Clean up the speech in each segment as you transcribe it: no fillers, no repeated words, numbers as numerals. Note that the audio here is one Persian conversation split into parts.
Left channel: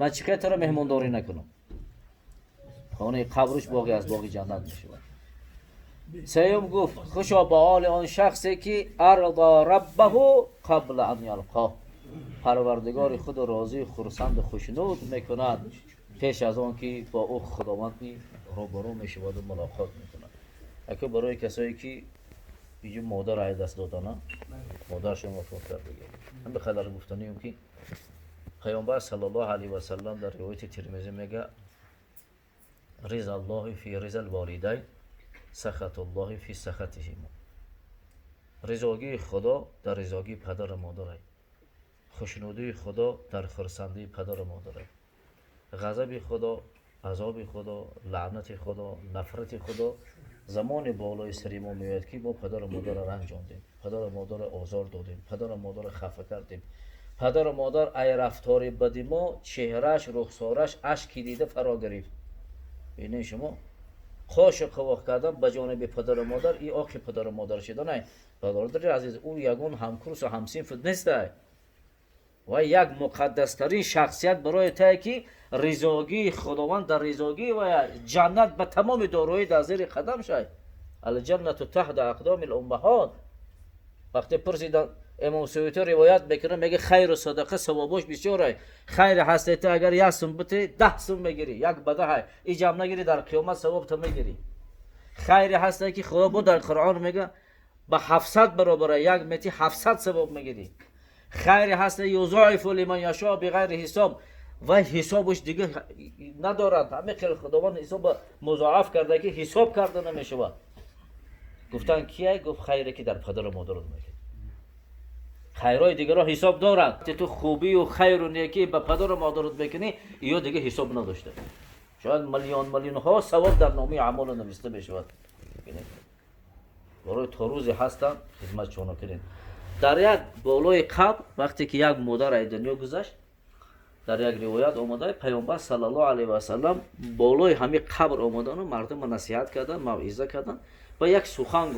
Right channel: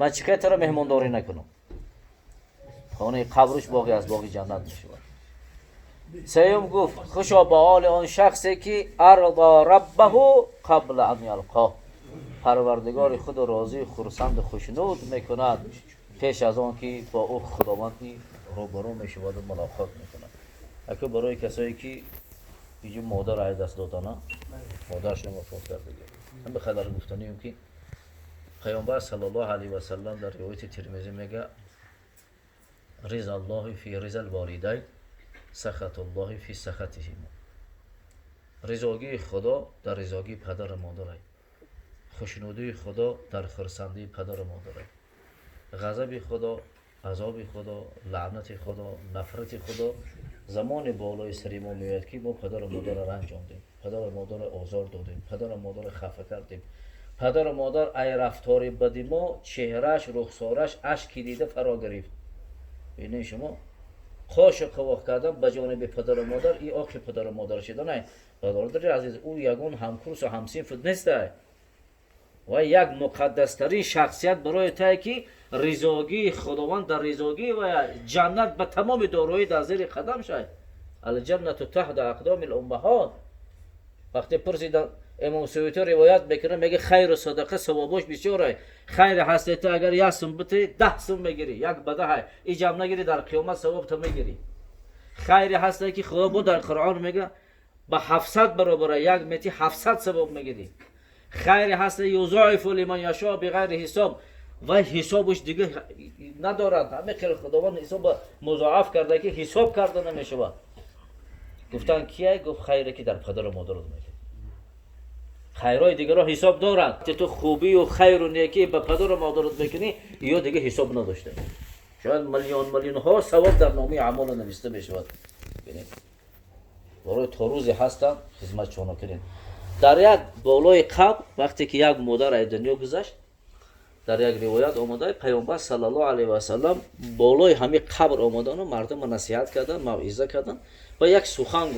من چیکار تو را مهمانداری نکنم. خانه قبرش باقی از باقی جنت میشود. سیوم گفت خوشا به حال آن شخصی که ارضا ربه قبل ان یلقاه، پروردگار خود راضی خرسند و خوشنود میکند پیش از آن که با او خداوندی روبرو میشود و ملاقات میکند. اگه برای کسایی که اینجا مادر از دست دادن، مادرشون وفات کرده، هم به خبر گفتنیم که پیامبر صلی الله علیه و سلم در روایت ترمذی میگه رضا الله فی رضا الوالدین سخط الله فی سخطهما. رضاگی خدا در رضاگی پدر و مادر است. خوشنودی خدا در خرسندی پدر و مادر است. غضب خدا، عذاب خدا، لعنت خدا، نفرت خدا زمان بالای سر ما میاد که ما پدر و مادر را رنج آوردیم، پدر و مادر آزار دادیم، پدر و مادر خفه کردیم، پدر و مادر ای رفتار بدی ما چهرهش رخسارش اشکی دیده فرا گرفت. ببینید شما خوش قواق کردن به جانب پدر و مادر، این آخی پدر و مادر شده نه. برادر عزیز، او یگان همکورس و همصنف نیست و یک مقدسترین شخصیت برای تا که رضاگی خداوند در رضاگی و جنت به تمام دارایی در زیر قدم شد. الجنت تحت اقدام الامهات. وقتی پرسیدن امام سیوطی روایت میکنه میگه خیر و صدقه ثوابش بسیاره. خیر هستی اگر یک سوم بتی 10 سوم میگیری، یک بده های این جمع نگیری در قیامت ثواب تو میگیری. خیر هستی که خدا بود در قرآن میگه به 700 برابر یک میتی 700 ثواب میگیری. خیر هستی یضاعف لمن یشاء بغیر حساب و حسابش دیگه ندارد. همه خیر خداوند حساب مضاعف کرده که حساب کرده نمیشه. گفتن کیه؟ گفت خیره که در پدر و مادر میگه. خیرهای دیگر را حساب دارد. تو خوبی و خیر و نیکی به پدر و مادرت میکنی یا دیگه حساب نداشته. شاید میلیون ها ثواب در نامه اعمال نوشته میشود. برای تا روزی هستن خدمت شما کنین. در یک بالای قبر وقتی که یک مادر از دنیا گذشت، در یک روایت آمده پیامبر صلی الله علیه و سلم بالای همه قبر آمدن و مردم نصیحت کردن، موعظه کردن و یک سخن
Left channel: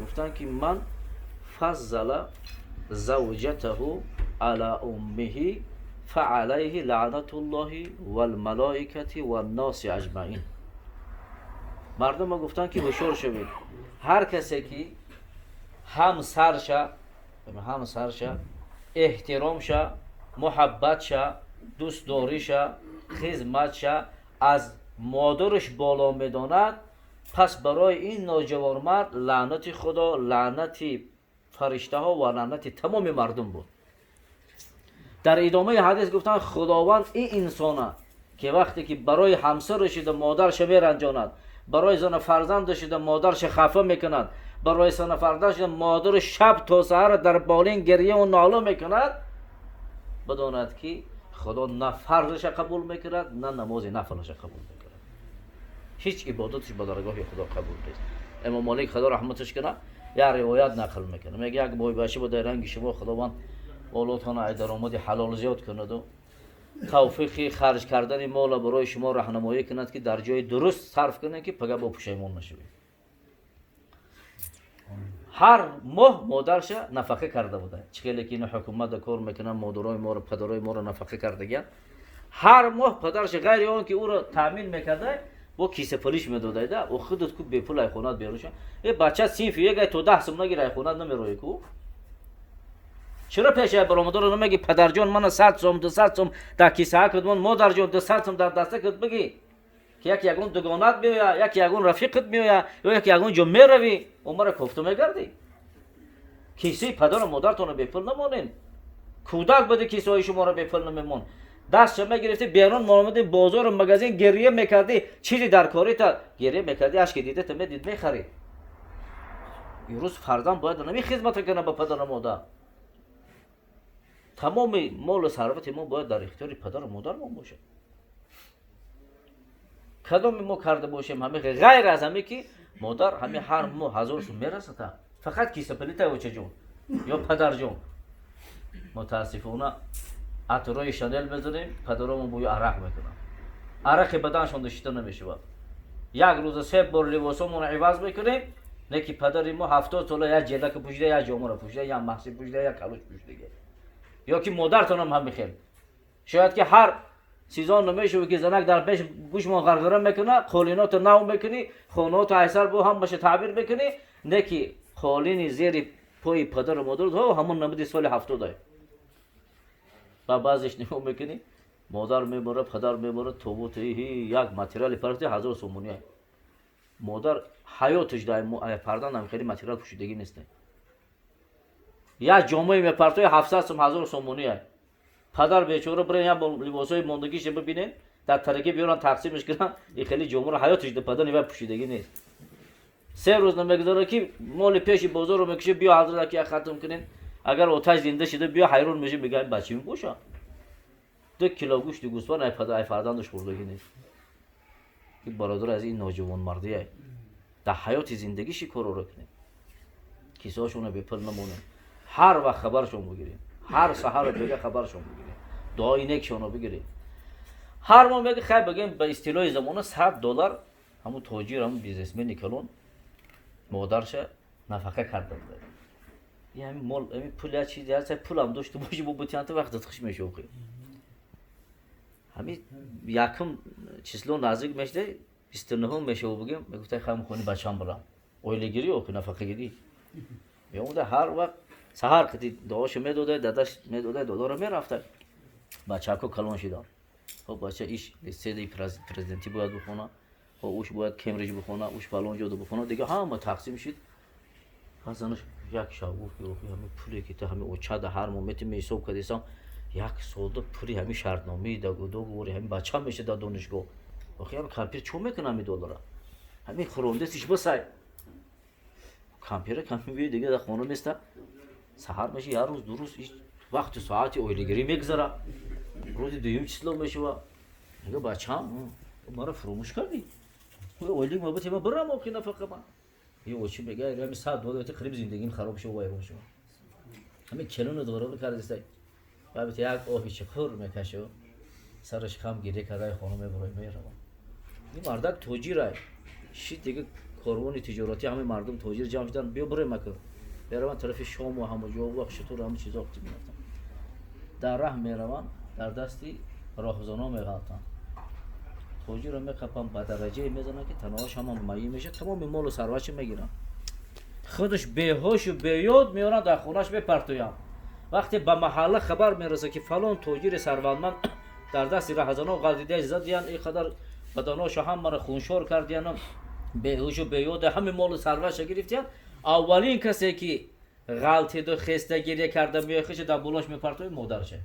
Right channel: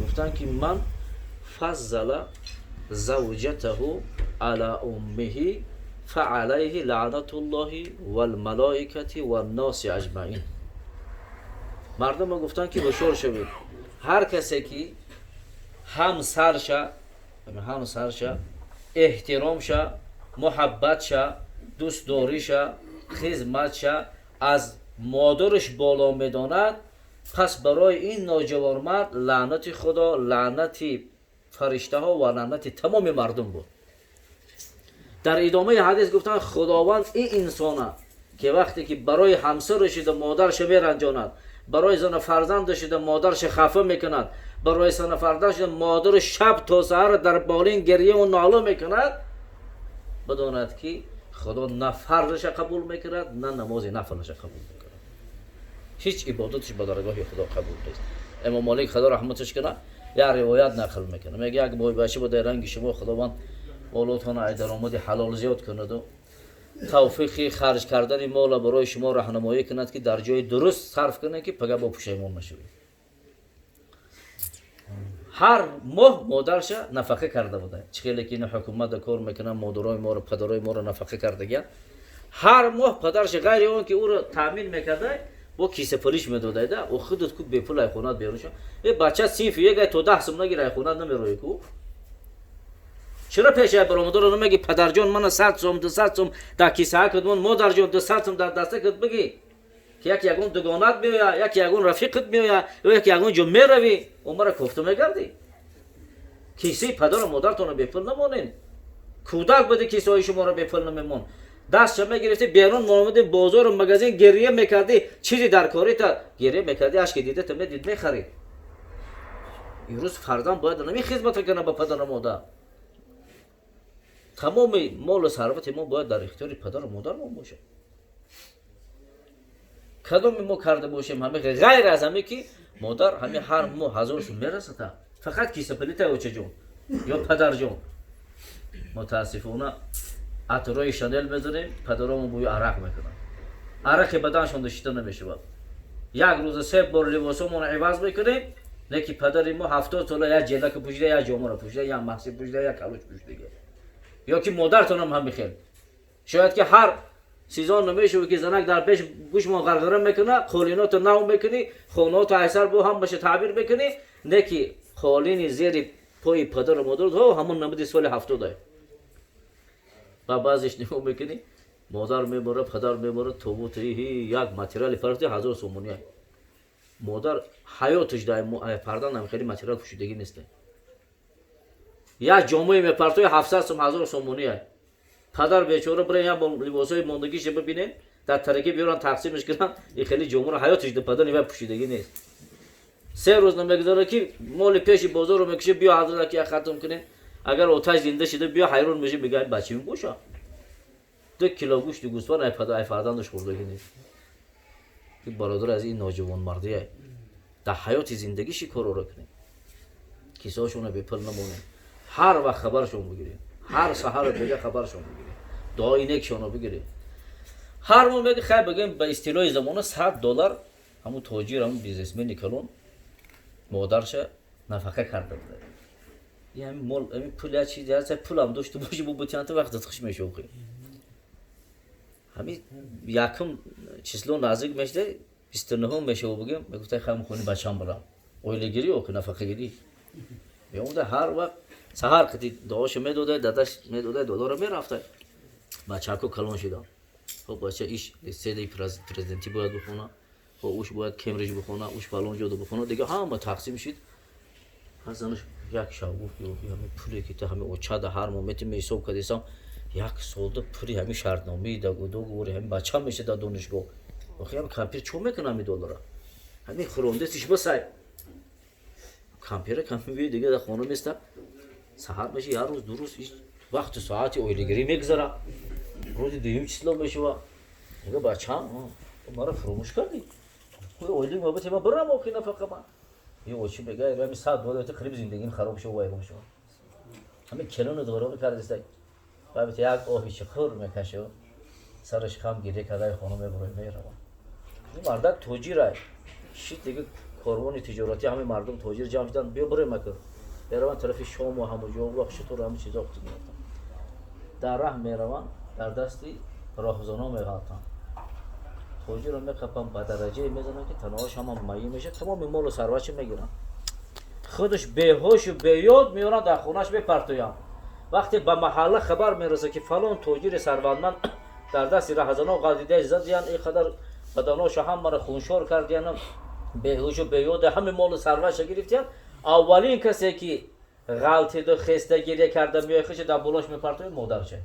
گفتن که من فضل زوجته علی امه فعلیه لعنت الله والملائکه والناس اجمعین. مردم گفتن که هوشیار شوید، هر کسی که همسرشه احترامشه، محبتشه، دوست داریشه، خدمتشه از مادرش بالا میداند، پس برای این نوجوان مرد لعنت خدا، لعنت فرشته ها و لعنت تمام مردم بود. در ادامه حدیث گفتن خداوند این انسانه که وقتی که برای همسرش و مادرش میرنجاند، برای زن فرزندش و مادرش خفه میکند، برای زن فرزندش مادر شب تا سحر در بالین گریه و ناله میکند، بداند که خدا نه فرضش قبول میکند نه نماز نفلش قبول میکند. هیچ عبادتش به درگاه خدا قبول نیست. امام مالک خدا رحمتش کنه یا روایت نقل میکنه، میگه یک بای بچه بود رنگ شما خداوند اولادتان ای درآمد حلال زیاد کند و توفیق خرج کردن مال برای شما راهنمایی کند که در جای درست صرف کنید که پگاه با پشیمون نشوید. هر ماه مادرش نفقه کرده بوده. چخیلی که این حکومت کار میکنه مادرای ما رو پدرای ما رو نفقه کرده. هر ماه پدرش غیر اون که او رو تامین میکرده با کیسه پولیش میداده او خودت کو به پول خونات بیاروش. یه بچه صنف یک تا 10 سوم نگیره خونات نمیروی کو. چرا پیش برآمده رو نمیگی پدر جان من 100 سوم 200 سوم در کیسه ها کدوم، مادر جان 200 سوم در دسته کد بگی که یک یگون دوگانت میویا، یک یگون رفیقت میویا یا یک یگون جو میروی عمر کوفته میگردی. کیسه پدر و مادرتون به پول نمونین. کودک بده کیسه های شما رو به پول نمیمون. دست شما گرفتی بیرون آمده بازار و مغازه گریه میکردی، چیزی در کاری تا گریه میکردی، اشک دیده تو میدید میخری. امروز فرزند باید نمی خدمت کنه به پدر و مادر. تمام مال و ثروت ما باید در اختیار پدر و مادر ما باشه. کدام ما کرده باشیم همه غیر از همه که مادر همه هر ماه 1000 سوم میرسه تا فقط کیسه پلیته و چه جون یا پدر جون. متاسفانه عطرای شانل میزنیم پدرامون بوی عرق میکنن، عرق بدنشون داشته نمیشه. یک روز 3 بار لباسمون عوض میکنیم، نه که پدر ما 70 ساله یک جلک پوشیده، یک جامه پوشیده، یک محصی پوشیده، یک کلوش پوشیده. یا که مادرتون هم میخیر. شاید که هر سیزان نمیشه که زنک در پیش گوش ما غرغره میکنه، قولینات نو میکنی، خونات ایسر با هم باشه تعبیر میکنی، نه که قولین زیر پای پدر و مادر تو همون نمودی سال 70 و بعضش نگاه میکنی مادر میبره پدر میبره توبوت یک ماتریال پرتی 1000 سومونیه. مادر حیاتش دایم پردن هم خیلی ماتریال پوشیدگی نیست. یک جامعه میپرتوی 700 سوم 1000 سومونیه. پدر بیچاره برای یا لباسای ماندگیش ببینه در ترکیب بیارن تقسیمش کنن، این خیلی جامعه رو حیاتش ده پدر نیمه پوشیدگی نیست. 3 روز نمیگذاره که مال پیش بازار رو میکشه بیا حضرت که ختم کنین، اگر آتش زنده شده بیا حیران میشه میگه بچه‌م گوشا 2 کیلو گوشت گوسفند ای پدر فرزندش خوردگی نیست. که برادر از این نوجوان مردیه در حیات زندگیش کار رو کنه، کیسه‌اشون رو بپل نمونه، هر وقت خبرشون بگیریم، هر سحر بگه خبرشون بگیریم، دعای نیکشون رو بگیریم. هر ما میگه خیر بگیم به اصطلاح زمانه $100 همون تاجر همون بیزنسمن کلون مادرش نفقه کرده بود. یعنی مال این پول چیزی هست پولم داشته باشه بو بتیانت وقت دادخش میشه اوکی. همین یکم چیزلو نزدیک میشه 29 میشه و بگیم میگفت خیلی خونی بچه‌ام برام اویلگیری اوکی نفقه گیری میومد هر وقت سحر کتی دعاش میداده داداش میداده دلار میرفت بچه‌کو کلون شدم. خب بچه ایش لیسته پرزیدنتی باید بخونه، خب اوش باید کمبریج بخونه، اوش فلان جا بخونه دیگه همه تقسیم شد. حسنش یک شب گفت که همین پولی که تو همین اوچاد هر مومنت میسوب کردیسم یک سالده پولی همین شرطنامه دو گوری همین بچه هم میشه در دانشگاه آخه همین کمپیر چون میکنه همین $1 همین خورونده سیش بسای کمپیر دیگه در خانه نیسته سحر میشه یه روز دو روز وقت ساعتی اویلگیری میگذاره روزی دویم چیزلو میشه و میگه بچه هم مرا فراموش کردی اویلی محبت ما برم آخی نفقه من یه اوچی میگه همین $100 خریب زندگیم خراب شد و ویران شد همین کلون دوره میکردیسته باید یک آبی چخور میکشه سرش خم گیره کرده خانم میبره میره. این مردک توجیره شید دیگه کاروان تجارتی همه مردم توجیر جمع شدن بیا بره مکر بروان طرف شام و همه جا و شطور همه چیزا وقتی میرفتن در راه میروان در دستی راهزنا میغلطن توجیر رو میخپن به درجه میزنن که تنهاش هم مایی میشه تمام مال و ثروتش میگیرن خودش بیهوش و بیاد میارن در خونش بپرتوین. وقتی به محله خبر میرسه که فلان توجیر ثروتمند در دست راهزنا غلطیده زد یعنی این قدر بدناش هم مرا خونشور کرد یعنی بیهوش و بیاد همه مال و ثروتش گرفتن اولین کسی که غلطی دو خسته گریه کرده میخوش در بلوش میپرتوی مادرشه.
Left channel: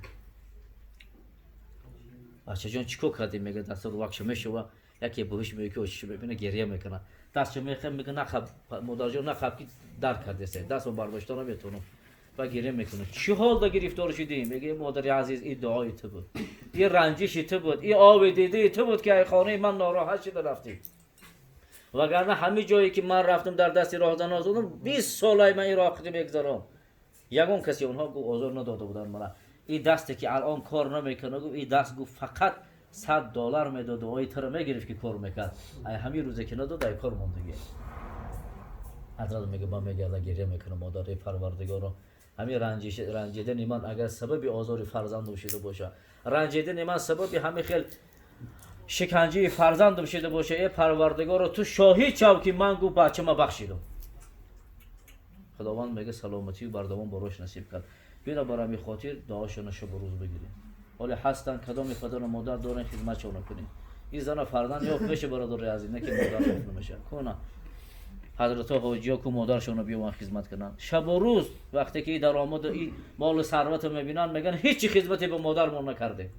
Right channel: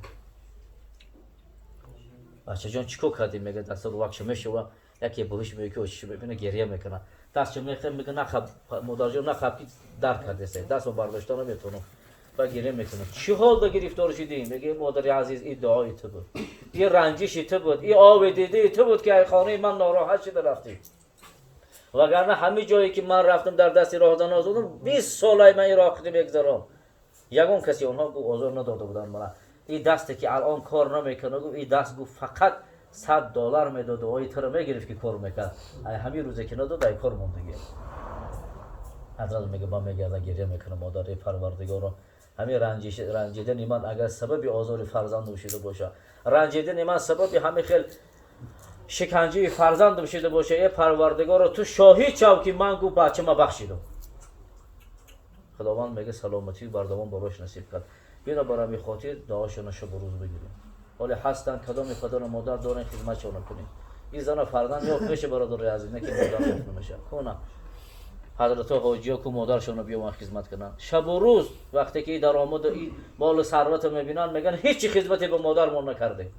بچه جان چیکو کردی میگه دست رو وقت میشه و یکی بهش میگه که چی ببینه گریه میکنه دست میگه نخب مادر جان نخب که درک کرده سه دست رو برداشته نمیتونه و گریه میکنه چی حال دا گرفتار شدی میگه مادر عزیز این دعای تو بود این رنجش تو بود این آب دیده تو بود که خانه من ناراحت شده رفتی وگرنه همه جایی که من رفتم در دست راهزنا زدم 20 سال من این راه میگذرم یگان کسی اونها گفت آزار نداده بودن من این دستی که الان کار نمیکنه گفت این دست گفت فقط $100 میداد و ایتر میگرفت که کار میکرد همین روزی که نداد ای کار موندگی حضرت میگه با میگه گریه میکنه مادر پروردگار همین رنجیدن من اگر سبب آزار فرزند شده باشه رنجیدن من سبب همین خیلی شکنجه فرزندم شده باشه ای پروردگار تو شاهد شو که من گو بچه ما بخشیدم. خداوند میگه سلامتی بردوام براش نصیب کرد بینا برای خاطر دعاشون شب و روز بگیریم ولی هستن کدام پدر و مادر دارن خدمتشون کنیم این زن فرزند یا میشه برادر عزیز نه که مادر نمیشه کنه حضرت حاجی کو مادرشون بیان خدمت کنن شب و روز وقتی که درآمد این مال و ثروت میبینن میگن هیچ خدمتی به مادرمون نکرده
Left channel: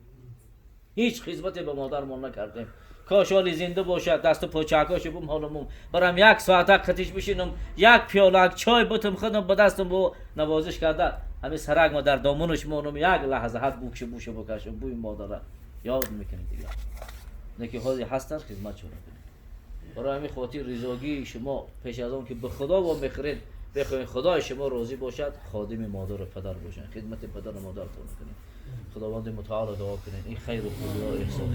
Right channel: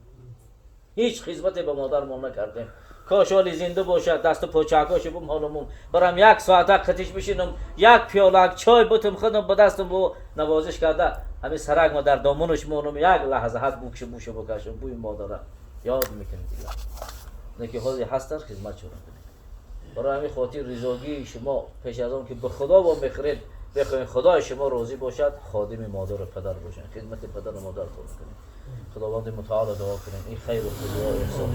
هیچ خدمتی به مادرمون نکرده کاش حالی زنده باشه دست و پاچکاش بم حالمون برام یک ساعت کتیش بشینم یک پیاله چای بتم خودم به دستم بو نوازش کرده همین سرک ما در دامونش مونم یک لحظه حد بوکش بوشه بکشم بوی مادر یاد میکنه دیگه نکی حالی هستن خدمت شون کنید برای همین خاطر رضاگی شما پیش از آن که به خدا با میخرید بخواید خدای شما راضی باشد خادم مادر و پدر باشین خدمت پدر و مادر کنید خداوند متعال دعا کنید این خیر و فضل و احسان